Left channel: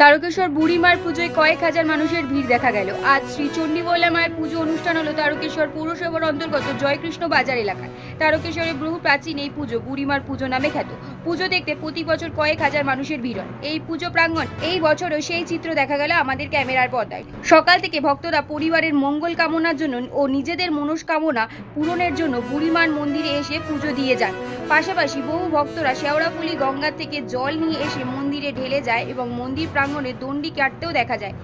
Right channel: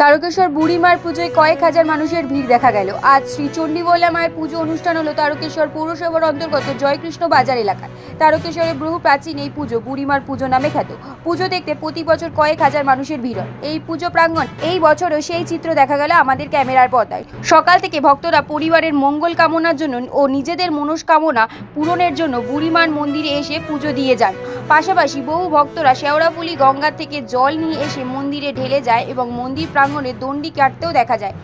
তারকেশ্বর বুড়িমার পুজোয় কয়েক হাজার মানুষের ভিড় দেখা গেল। আজ শ্রী চণ্ডীবলা মায়ের পুজো অনুষ্ঠান হলো তারকেশ্বর পৌরসভার অন্তর্গত জয়কৃষ্ণ বাজার এলাকায়। তারকেশ্বরের বহু প্রাচীন এই পুজো বুড়িমার পুজো নামে খ্যাত। পুজো দেখতে প্রতি বছর কয়েক হাজার মানুষের ভিড় হয় এই পুজো প্রাঙ্গণ। এই বছরও সেই চিত্র দেখা গেল আমাদের ক্যামেরার পর্দায়। সকাল থেকে ভক্তরা পরিবারের মঙ্গল কামনার জন্য ও নিজেদের মনস্কামনা পূরণের জন্য বুড়িমার মন্দিরে এসে পুজো দিয়ে যান। পাশাপাশি বহু ভক্তরা শেওড়াফুলি গঙ্গা থেকে জল নিয়ে এসে মন্দিরে ঢেলে যায় এবং মন্দির প্রাঙ্গণে দণ্ডি কাটতেও দেখা যায়।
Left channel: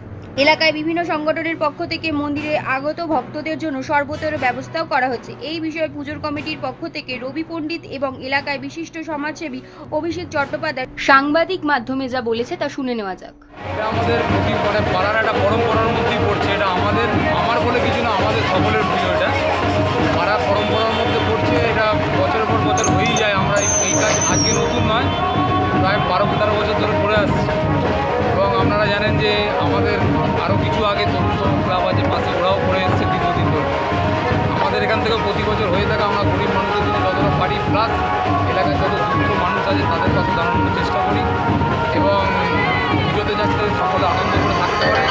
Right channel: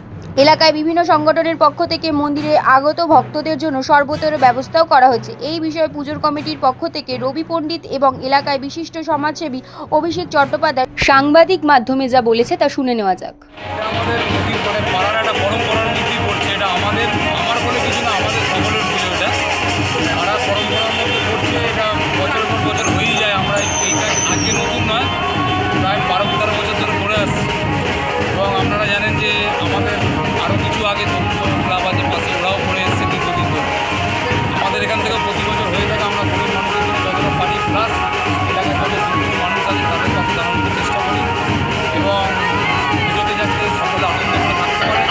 এলাকায় বিভিন্ন সংগঠনের পক্ষ থেকে মন্দিরে আগত ভক্তদের জন্য সর্বতর ব্যবস্থাও করা হয়েছে। এই বিষয়ে পুজোর কমিটির পক্ষ থেকে রবি পণ্ডিত এবং এলাকায় বিশিষ্ট সমাজসেবী অভিষেক চট্টোপাধ্যায় সাংবাদিক মাধ্যমে যা বলেছে তা শুনে নেওয়া যাক। এটা আমাদের মানে পাড়ার একটা পরম্পরার মধ্যেই পড়ছে। এটা আমার বলে কিছু না, আমাদের সকলের পুজো। এটা পাড়ার পরম্পরার মধ্যে পড়ছে। এটা বছরের পর বছর হয়েই যায়। আমরা এইটা আজকে নতুন নয়, প্রায় 12-13 বছর ধরে করে আসছি। এবং আপনারা জানেন যে আমাদের আরও কিছু আগে তরুণ ক্লাব আছে পাশে, ওরাও করে এসছে দীর্ঘদিন ধরে। আমাদের এখান থেকেও প্রতি বছর হয়ে থাকে। আমরা গরিব মানুষের জন্য যতটা পারি, প্লাস এলাকায় যত সুস্থ মানুষ আছে তাদের পাশে দাঁড়ানোর চেষ্টা করি এবং পুজোতে যাতে সকলে আনন্দ করে থাকতে পারে